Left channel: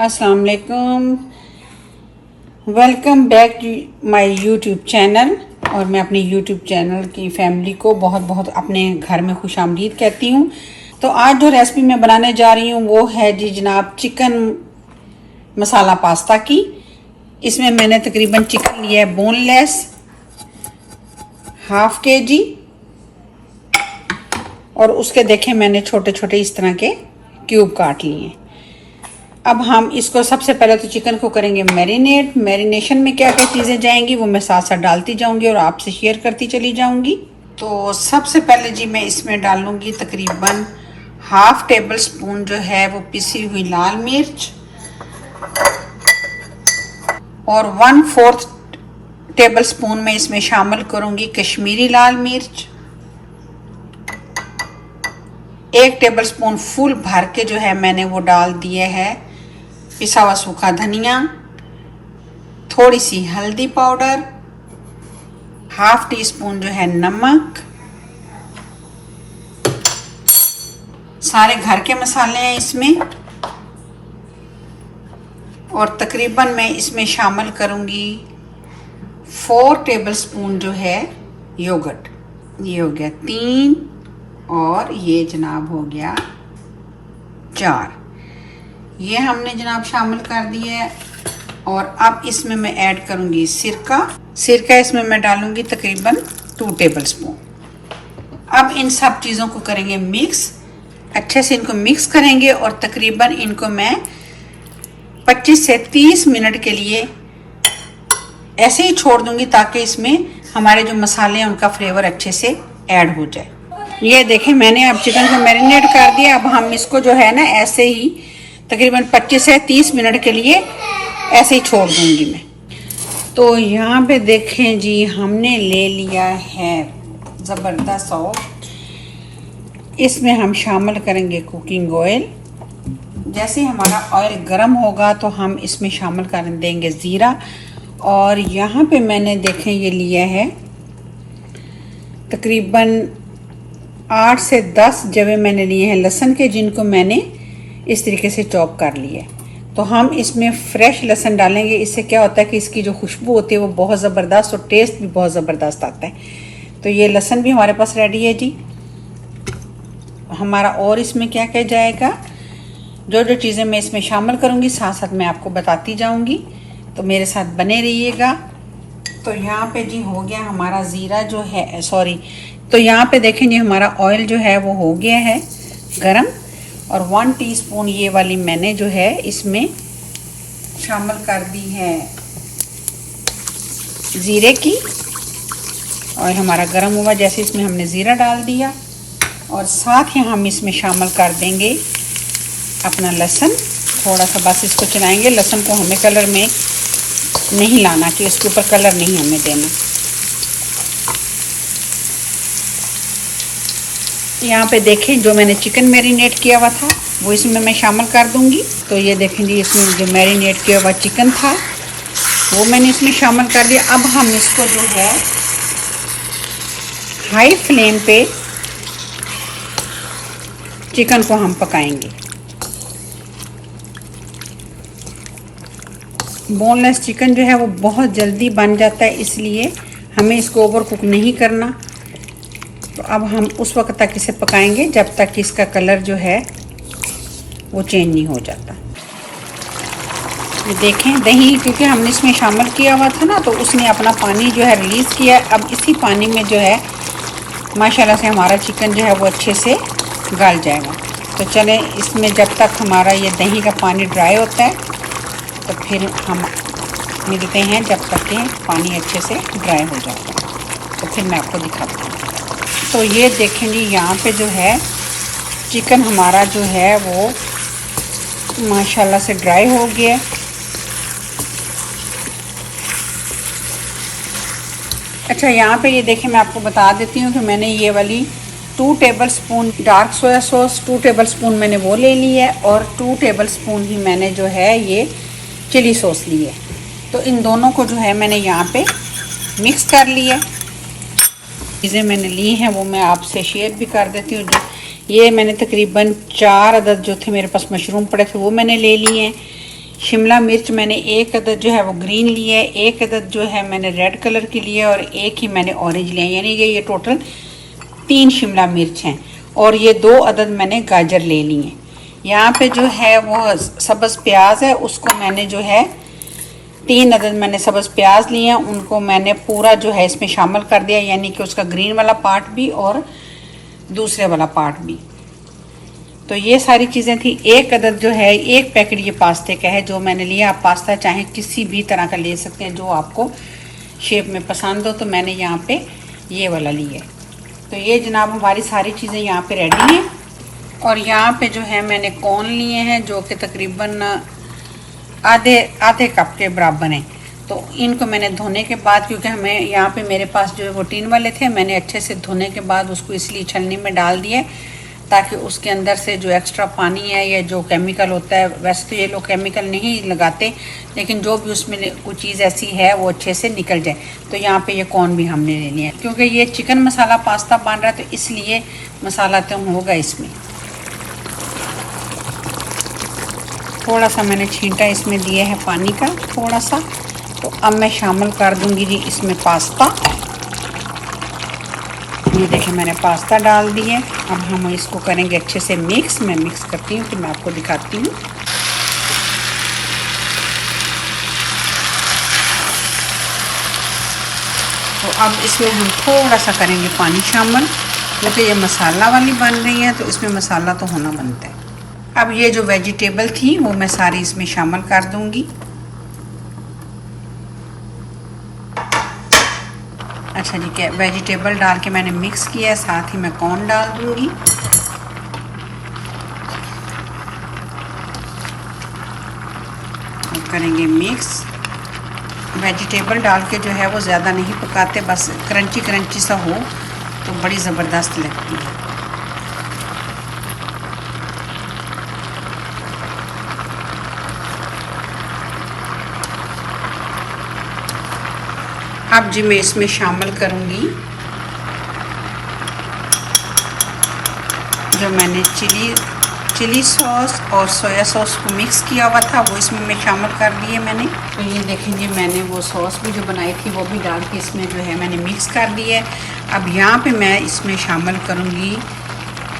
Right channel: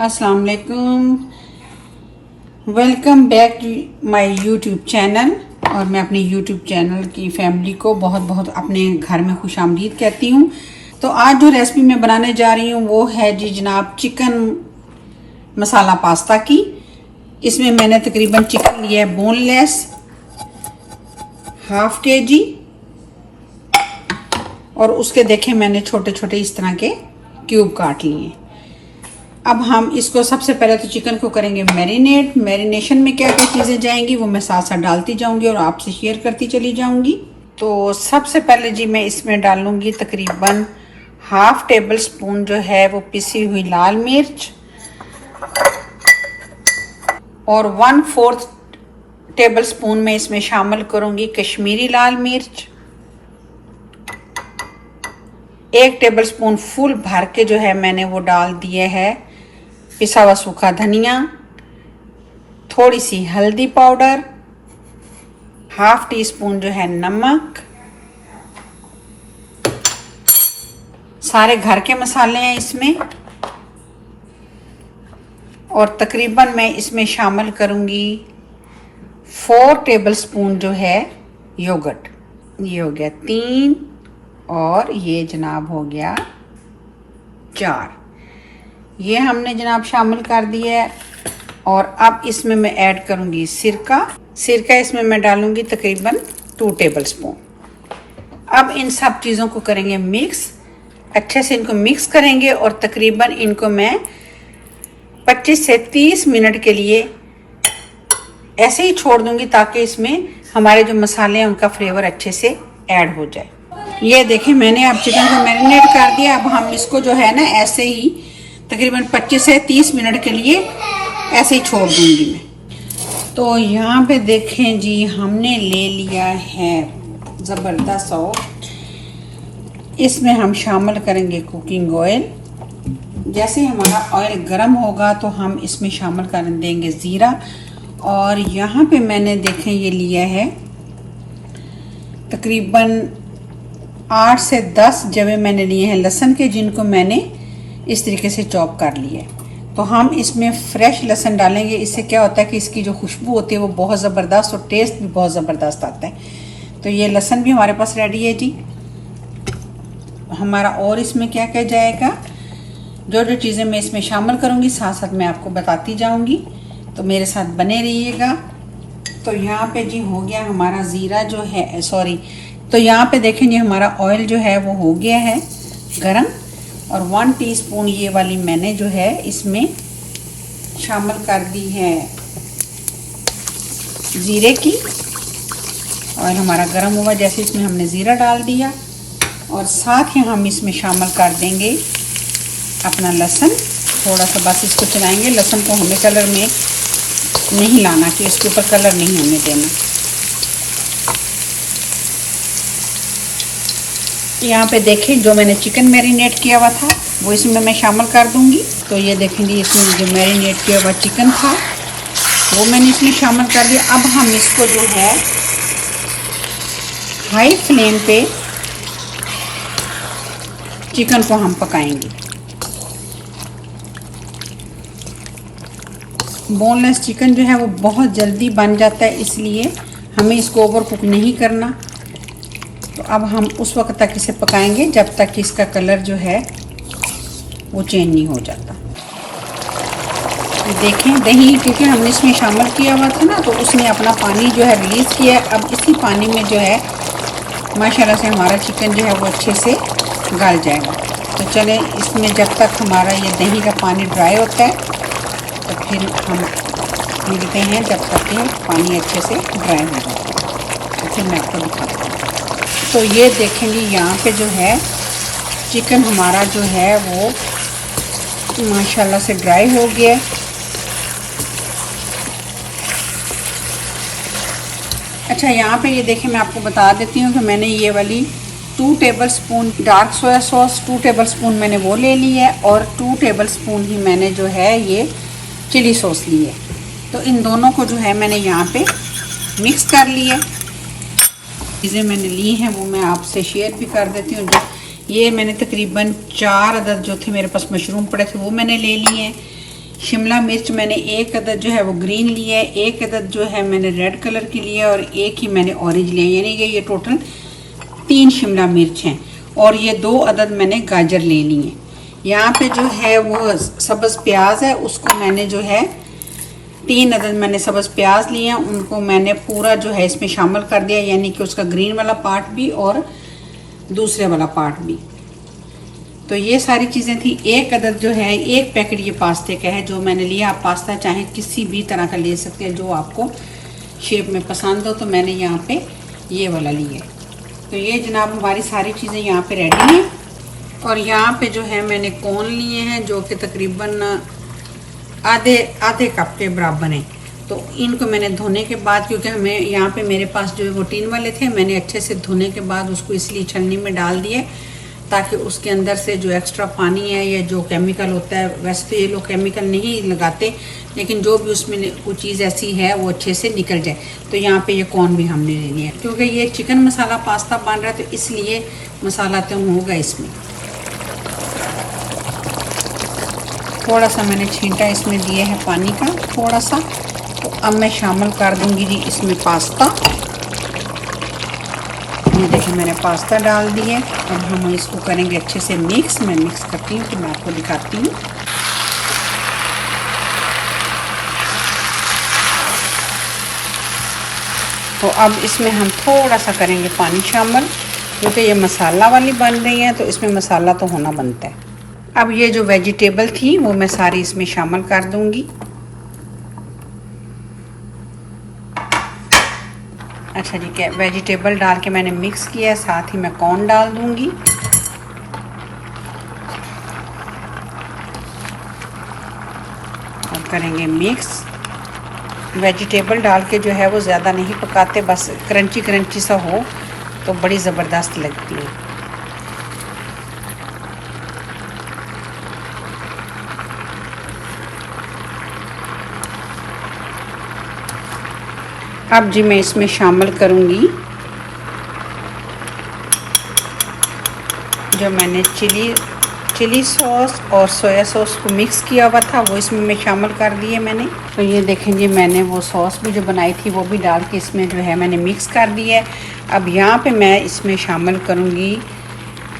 अस्सलाम वालेकुम, welcome back to my YouTube channel. और मैं अपने यूट्यूब चैनल की फैमिली को बहुत बहुत अपने घर में खुशामदीद कहती हूँ। तो आज जो रेसिपी मैं बनाने जा रही हूँ वो है जी जनाब चिकन मसाला पास्ता की। इसमें मैंने तकरीबन चिकन लिया है बोनलेस हाफ केजी, और उसके देखें मैंने छोटे छोटे इस तरह के क्यूब काट लिए। अब हम इसको सबसे पहले तो चिकन को करेंगे मैरिनेट। मैरिनेशन में क्या क्या चीज़ें जाएंगी वो मैं साथ साथ डालती जाऊंगी और आपसे शेयर करती चली जाऊंगी। तो सबसे पहले जी मैं इसमें डालूंगी तकरीबन हाफ टेबल स्पून जो है वो पिसी हुई लाल मिर्च, और 1/4 टेबल स्पून में इसमें शामिल करूंगी कश्मीरी लाल मिर्च, 1 टेबल स्पून फुल भर के जो है मैंने वो डाल दिए है पिसा हुआ सूखा धनिया, थोड़ी सी हल्दी पाउडर, हाफ टी स्पून जो है नमक, सारे घर के मसाले हैं इसमें, और तकरीबन मैं इसमें शामिल करूंगी 4 टेबल स्पून जो है योगर्ट। ये हो गया 3 और ये जनाब हो गया 4। ये हमने जनाब शामिल कर दिया है। और अब इसमें मैं ऐड करूंगी सिरका इसमें मैं डालूंगी तकरीबन 2 टेबल स्पून। अब इन सब चीज़ों को करेंगे मिक्स, अच्छे से इनको मिक्स करेंगे और तकरीबन इनको मैं 25 से 30 मिनट के लिए ऐसे ही छोड़ दूंगी ताकि इसमें हमारे जो मसाले हैं उनका फ्लेवर अच्छे से ऐड हो जाए। ये देखें मैंने अब चिकन को मैरिनेट कर दिया। अब हम इसको जो है ना ऐसे ही तकरीबन 25 से 30 मिनट के लिए ऐसे ही छोड़ दूंगी मैं। तो यहाँ पे देखें जी हमने ले लिया है ज़बरदस्त ऑयल। इसमें हम शामिल करेंगे कुकिंग ऑयल। जैसे हमारा ऑयल गर्म होगा तो हम इसमें शामिल कर देंगे ज़ीरा। और यहाँ पे मैंने देखें ये लिया है तकरीबन 8 से 10 जवे मैंने लिए हैं लहसुन के, जिनको मैंने इस तरीके से चॉप कर लिया। तो हम इसमें फ्रेश लहसुन डालेंगे। इससे क्या होता है कि इसकी जो खुशबू होती है वो बहुत ज़बरदस्त और टेस्ट भी बहुत ज़बरदस्त आता है। तो ये लहसुन भी हमारे पास रेडी है जी। हमारा और इसमें क्या क्या जाएगा, जो जो चीज़ें मैं इसमें शामिल करूँगी साथ साथ मैं आपको बताती जाऊँगी, तो मेरे साथ बने रहिएगा। तो यहाँ पे जी हो गया हमारा ज़ीरा जो है तो यहाँ पे देखें जी हमारा ऑयल जो है वो हो गया है गरम, और 1 टीस्पून ये वाली मैंने जो है इसमें शामिल कर दी है ज़ीरे की। ऑयल हमारा गरम हुआ जैसे इसमें हमने ज़ीरा डाल दिया, और साथ ही हम इसमें शामिल कर देंगे अपना लहसुन। थोड़ा सा बस इसको चलाएंगे, लहसुन को हमें कलर में नहीं लाना कि इसके ऊपर कलर नहीं हमें देना। यहाँ पे देखें जो मैंने चिकन मैरिनेट किया हुआ था वो इसमें मैं शामिल कर दूंगी। तो ये देखें जी इसमें जो मैरिनेट किया हुआ चिकन था वो मैंने इसमें शामिल कर दिया। अब हम इसको जो है हाई फ्लेम पे चिकन को हम पकाएंगे। बोनलेस चिकन जो है वो बहुत जल्दी बन जाता है, इसलिए हमें इसको ओवर कुक नहीं करना। तो अब हम उस वक्त तक इसे पकाएंगे जब तक कि इसका कलर जो है वो चेंज नहीं हो जाता। देखें दही क्योंकि हमने इसमें शामिल किया हुआ था ना, तो उसने अपना पानी जो है रिलीज़ किया। अब इसी पानी में जो है माशाल्लाह से हमारा चिकन जो है वो अच्छे से गल जाएगा। तो चलें इसमें जब तक हमारा ये दही का पानी ड्राई होता है तो फिर हम मिलते हैं जब तक कि पानी अच्छे से ड्राई हो जाए। तो फिर मैं आपको दिखाती हूँ। तो ये देखेंगे यहाँ पे जो है चिकन हमारा जो है वो माशाल्लाह से ड्राई हो गया। अच्छा यहाँ पे ये देखें मैं आपको बता देती हूँ कि मैंने ये वाली 2 table spoon dark soya sauce 2 table spoon मैंने वो ले ली है, और 2 टेबल स्पून ही मैंने जो है ये चिली सॉस ली है। तो इन दोनों को जो है मैंने यहाँ पे मिक्स कर लिया। चीज़ें मैंने ली हैं वो मैं आपसे शेयर भी कर देती हूँ। ये मैंने तकरीबन 4 अदद जो थे मेरे पास मशरूम पड़े थे वो मैंने ले लिए हैं। शिमला मिर्च मैंने एक अदद जो है वो ग्रीन लिया है, एक अदद जो है मैंने रेड कलर की लिया है और एक ही मैंने ऑरेंज लिया है, यानी कि ये टोटल 3 शिमला मिर्च हैं। और ये 2 अदद मैंने गाजर ले ली हैं। यहाँ पे जो है वो सब्ज़ प्याज है, उसको मैंने जो है 3 अदद मैंने सब्ज़ प्याज लिए हैं, उनको मैंने पूरा जो है इसमें शामिल कर दिया, यानी कि उसका ग्रीन वाला पार्ट भी और दूसरे वाला पार्ट भी। तो ये सारी चीज़ें थी। एक अदद जो है, एक पैकेट ये पास्ते का है जो मैंने लिया। आप पास्ता चाहे किसी भी तरह का ले सकते हैं जो आपको शेप में पसंद हो, तो मैंने यहाँ पे ये वाला लिया। तो ये जनाब हमारी सारी चीज़ें यहाँ पे रेडी हैं। और यहाँ पे जो है मैंने कॉर्न लिए हैं जो कि तकरीबन आधे कप के बराबर हैं। तो इनको मैंने धोने के बाद, क्योंकि हमें यहाँ पे मेरे पास जो है वो टीन वाले थे, मैंने अच्छे से धोने के बाद उसको इसलिए छलनी में डाल दिए ताकि उसके अंदर से जो एक्स्ट्रा पानी है या जो केमिकल होता है, वैसे तो ये लोग केमिकल नहीं लगाते, लेकिन जो भी उसमें कोई चीज़ ऐसी है वो अच्छे से निकल जाए। तो यहाँ पे ये कॉर्न भी हमने ले लिया, क्योंकि ये चिकन मसाला पास्ता बन रहा है तो इसलिए मसाला तो होगा इसमें। थोड़ा सा मैंने छींटा इसमें दिया है पानी का थोड़ा सा। तो अब मैं शामिल कर दूंगी जी इसमें पास्ता। ये देखिए मैंने पास्ता डाल दिए। अब हम इसको करेंगे अच्छे से मिक्स। मैं मिक्स करती हूँ तो मैं आपको दिखाती हूँ। तो अब इसमें हम थोड़ा सा करेंगे पानी शामिल, क्योंकि ये मसाला वाली बन रही है तो इसमें मसाला तो होना बनता है। अब ये जो वेजिटेबल थी वो मैं सारी इसमें शामिल कर दूंगी। अच्छा जी, क्या वेजिटेबल डाल के मैंने मिक्स किया है, साथ ही मैं कॉर्न डाल दूंगी। अब करेंगे मिक्स। वेजिटेबल डाल के जो है वो ज़्यादा नहीं पकाते, बस क्रंची क्रंची सा हो तो बड़ी ज़बरदस्त लगती है। अब जी मैं इसमें शामिल करूंगी जो मैंने चिली सॉस और सोया सॉस को मिक्स किया हुआ था, वो इसमें मैं शामिल कर दिए मैंने। तो ये देखेंगे मैंने वो सॉस भी जो बनाई थी वो भी डाल के इसमें जो है मैंने मिक्स कर दिया है। अब यहाँ पे मैं इसमें शामिल करूँगी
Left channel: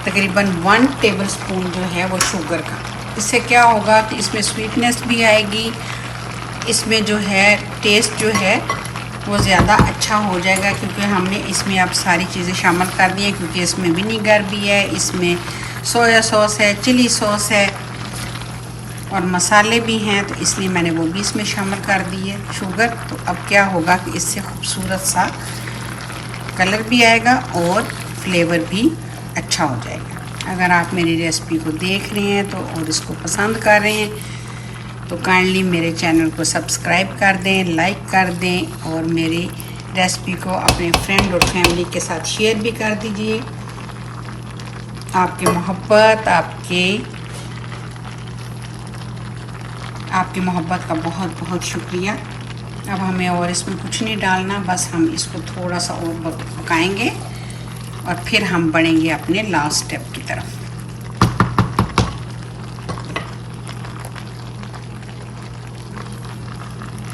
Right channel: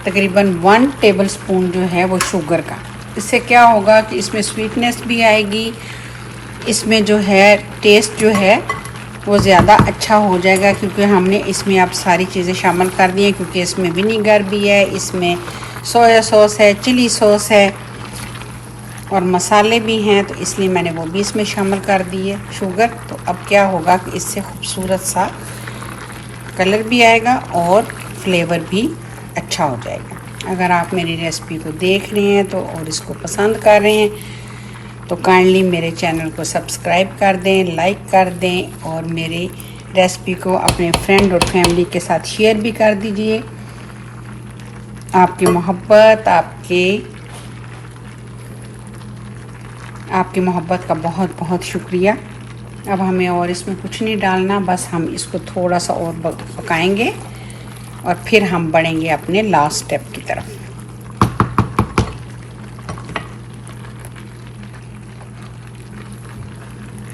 तकरीबन 1 टेबलस्पून जो है वो शुगर का। इससे क्या होगा कि इसमें स्वीटनेस भी आएगी, इसमें जो है टेस्ट जो है वो ज़्यादा अच्छा हो जाएगा, क्योंकि हमने इसमें अब सारी चीज़ें शामिल कर दी हैं। क्योंकि इसमें विनीगर भी है, इसमें सोया सॉस है, चिली सॉस है और मसाले भी हैं, तो इसलिए मैंने वो भी इसमें शामिल कर दी है शुगर। तो अब क्या होगा कि इससे खूबसूरत सा कलर भी आएगा और फ्लेवर भी अच्छा हो जाएगा। अगर आप मेरी रेसिपी को देख रहे हैं तो और इसको पसंद कर रहे हैं तो काइंडली मेरे चैनल को सब्सक्राइब कर दें, लाइक कर दें और मेरी रेसिपी को अपने फ्रेंड और फैमिली के साथ शेयर भी कर दीजिए। आपकी मोहब्बत आपकी मोहब्बत का बहुत बहुत शुक्रिया। अब हमें और इसमें कुछ नहीं डालना, बस हम इसको थोड़ा सा और पकाएंगे और फिर हम बढ़ेंगे अपने लास्ट स्टेप की तरफ।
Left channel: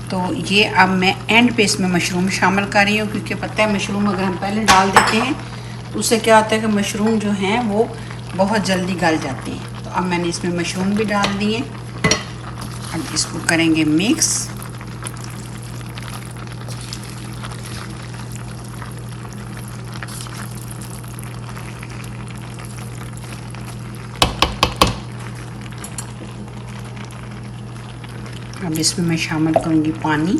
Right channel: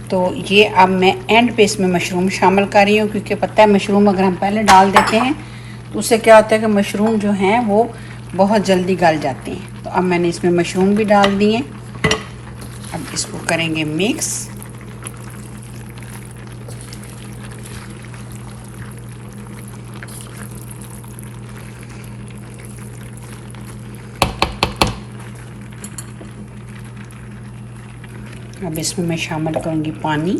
तो ये अब मैं एंड पे इसमें मशरूम शामिल कर रही हूँ, क्योंकि पता है मशरूम अगर हम पहले डाल देते हैं तो उससे क्या होता है कि मशरूम जो हैं वो बहुत जल्दी गल जाते हैं। तो अब मैंने इसमें मशरूम भी डाल दिए। अब इसको करेंगे मिक्स। अब इसमें मैं शामिल करूंगी पानी।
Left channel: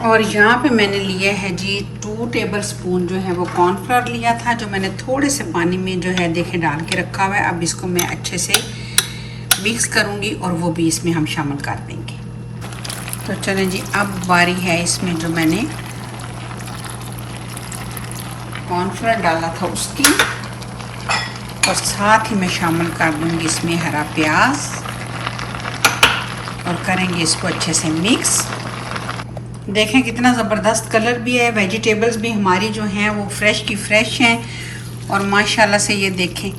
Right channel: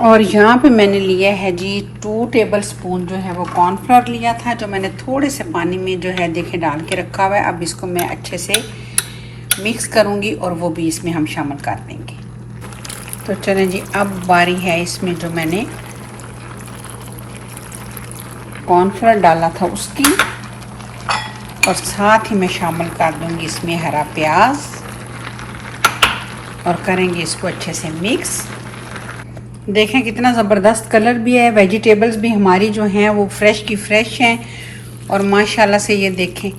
और यहाँ पे मैंने लिया है जी 2 टेबलस्पून जो है वो कॉर्नफ्लोर लिया था, जो मैंने थोड़े से पानी में जो है देखे डाल के रखा हुआ है। अब इसको मैं अच्छे से मिक्स करूँगी और वो भी इसमें हम शामिल कर देंगे। तो चलें जी, अब बारी है इसमें जो मैंने कॉर्नफ्लोर डाला था उसकी, और साथ ही मैं शामिल कर दूंगी इसमें हरा प्याज और करेंगे इसको अच्छे से मिक्स। देखें कितना ज़बरदस्त कलर भी है, वेजिटेबल्स भी हमारी जो हैं वो फ्रेश की फ्रेश हैं और माशाल्लाह से ये देखें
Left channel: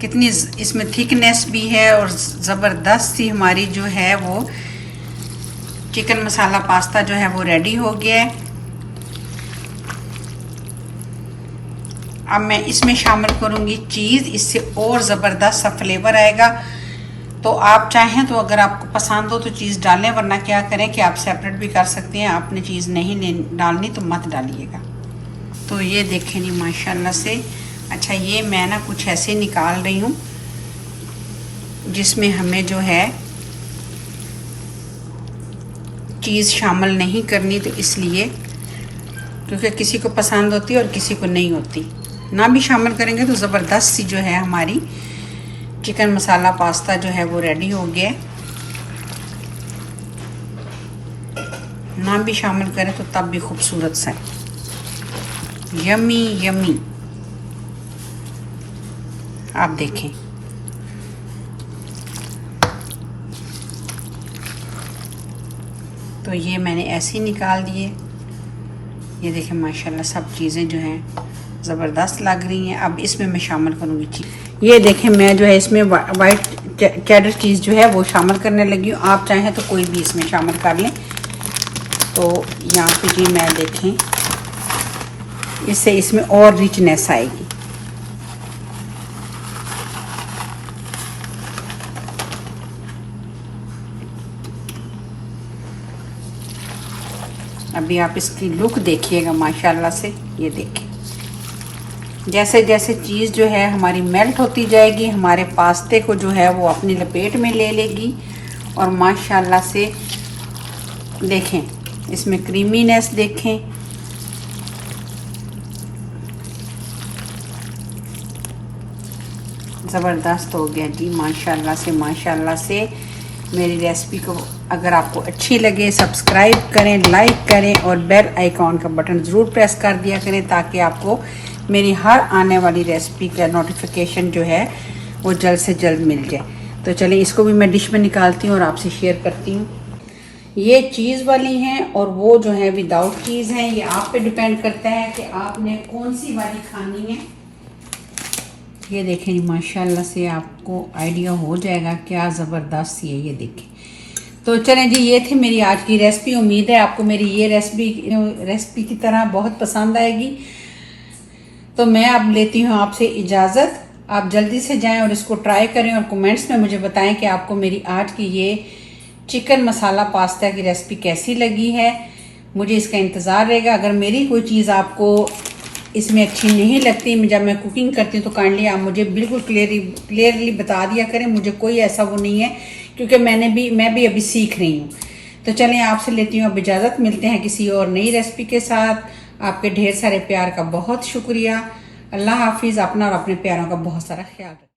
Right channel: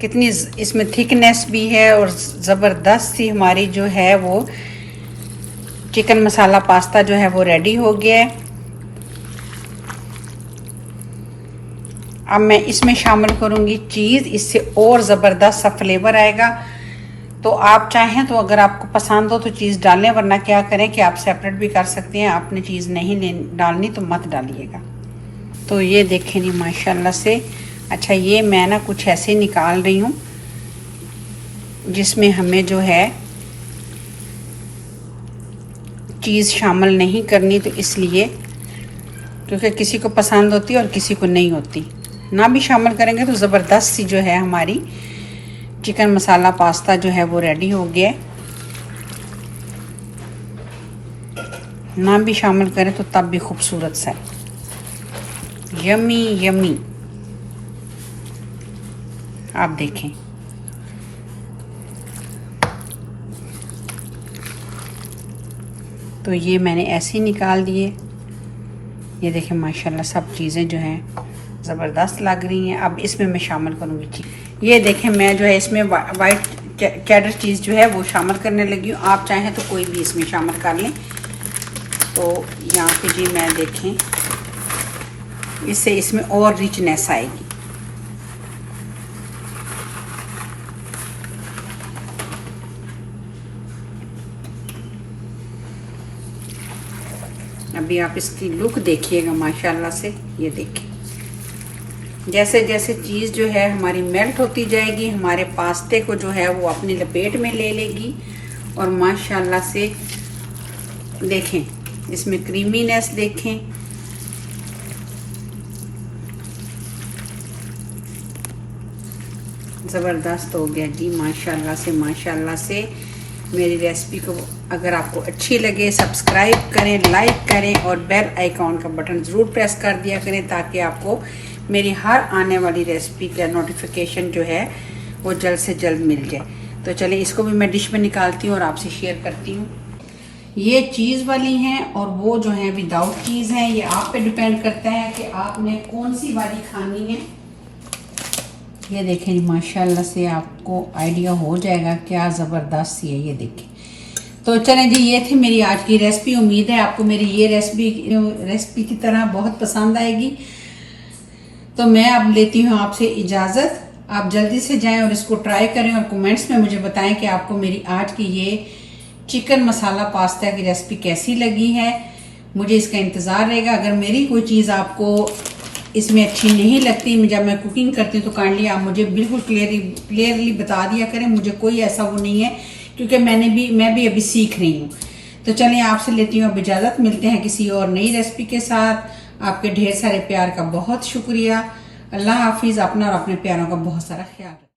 कितनी इसमें थिकनेस भी है और ज़बरदस्त सी हमारी जो है वो चिकन मसाला पास्ता जो है वो रेडी हो गया है। अब मैं इसमें शामिल करूँगी चीज़, इससे और ज़बरदस्त सा फ्लेवर आएगा। तो आप चाहें तो अगर आपको पसंद हो तो चीज़ डालें, वरना क्या करें कि आप सेपरेट भी कर सकते हैं। आपने चीज़ नहीं डालनी तो मत डालिएगा। तो ये देखें जी माशाल्लाह से। अच्छा, ये मैं ना कुछ ऐसे निकाल रही हूँ जिसमें हमें जो है चीज़ शामिल नहीं करनी, तो इसलिए, क्योंकि किसी को पसंद होती है और किसी को नहीं होती। ना भी शामिल करेंगे तो ज़बरदस्त सी जो है हमारी चिकन मसाला पास्ता जो है वो रेडी हो गया। ना भी शामिल करें तो तब भी खूबसूरत सा है। यमी यमी, आप देखें। तो ये मैंने ऐसे ही निकाल दिए। ये देखें माशाल्लाह सब चीज़ें जो हैं ज़बरदस्त लग रही हैं। अब इसमें मैं शामिल करूँगी चीज़। ये देखें मैं जो है इसमें वाइट चेडर चीज़ जो है वो शामिल करने लगी हूँ। आप चाहें तो कोई भी इसमें शामिल कर लें। तो यहाँ पे जी मैं देखें, इससे इसमें और रिचनेस आएगी। अभी आप इसकी लुक देखिएगा माशाल्लाह से। ये देखिए, जैसे जैसे चीज़ जो है हमारी मेल्ट होती जाएगी, हमारे पास्ते को जो है वो अपनी लपेट में ले लेगी। और माशाल्लाह से देखें, इसमें क्रीमीनेस देखें। ज़बरदस्त हो गया जी माशाल्लाह से। माशाल्लाह से मेरी रेसिपी को अगर आपको अच्छी लगे सब्सक्राइब करें, लाइक करें और बेल आइकॉन का बटन ज़रूर प्रेस कर दिया करें, ताकि आपको मेरी हर आने वाली रेसिपी का नोटिफिकेशन जो है वो जल्द से जल्द मिल जाए। तो चलिए इसको भी मैं डिश में निकालती हूँ और आपसे शेयर करती हूँ। ये चीज़ वाली हैं और वो जो है विदाउट चीज़ हैं। ये आप पे डिपेंड करता है कि आपने कौन सी वाली खानी है। ये देखें माशाल्लाह से आपको आइडिया हो जाएगा क्या ज़बरदस्त सी है। ये देखें। तो चलें जी, ये थी मेरी आज की रेसिपी। उम्मीद है आपको मेरी ये रेसिपी की तरह बहुत पसंद आएगी। तो मैं अब लेती हूँ आपसे इजाज़त। आप जल्दी से जाएं और इसको ट्राई करें और कमेंट्स में मुझे बताएं कि आपको मेरी आज की ये चिकन मसाला पास्ता की रेसिपी कैसी लगी है। मुझे इसका इंतज़ार रहेगा। अगर मेरी कोई चीज़ आपको इसमें अच्छी नहीं लगती जब मैं कुकिंग करती हूँ तो काइंडली आप मुझे बिल्कुल क्लियरली बता दिया करें। मुझे कोई ऐसा वो नहीं है, क्योंकि मैं भी अभी सीख रही हूँ। तो चलें आपसे लेती हूँ अब इजाज़त। मिलते हैं किसी और नई रेसिपी के साथ। आपके ढेर सारे प्यार का बहुत शुक्रिया। अल्लाह हाफिज़। अपना और अपने प्यारों का बहुत सारा ख्याल रखें।